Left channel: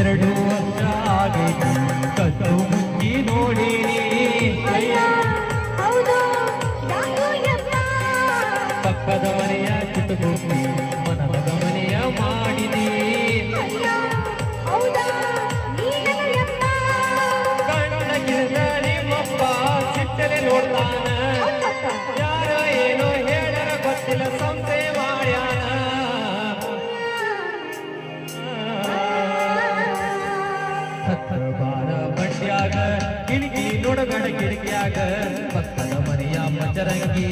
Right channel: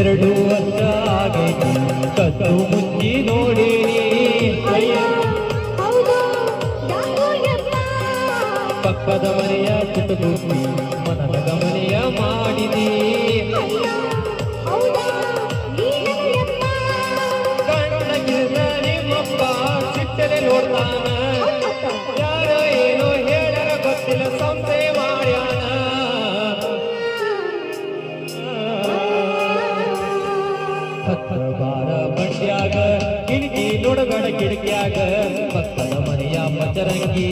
2 ವರ್ಷ ಆಗೈತಿ ಕದ್ದು ಮುಚ್ಚಿ ನೋಡಿನಿ ಪಕ್ಕದ ಮನೆಯ ಚುಟುಕುಟ್ಟಿ ಮನದ ಮನೆಯ ಮಾಡಿದಿ ಕಣ್ಣಗಿದ ನಿಮ್ಮಪ್ಪ ಸಿಟ್ಟನೆ ನೋಡ್ತಾನ ಯಾರ ಏನೋ ಹೇಳರ ಗೊತ್ತಿಲ್ಲ ಸಂತೆ ಮಾಡ್ಯಾನ ಬಾರ ಬಂಡ್ಯಾಗ ಕಿಟಕಿ ನೋಡಬೇಡ ಕಿಟಕಿಯಾಗ ಪಕ್ಕದ ಮನೆಯ ಮಚರಂಗಿ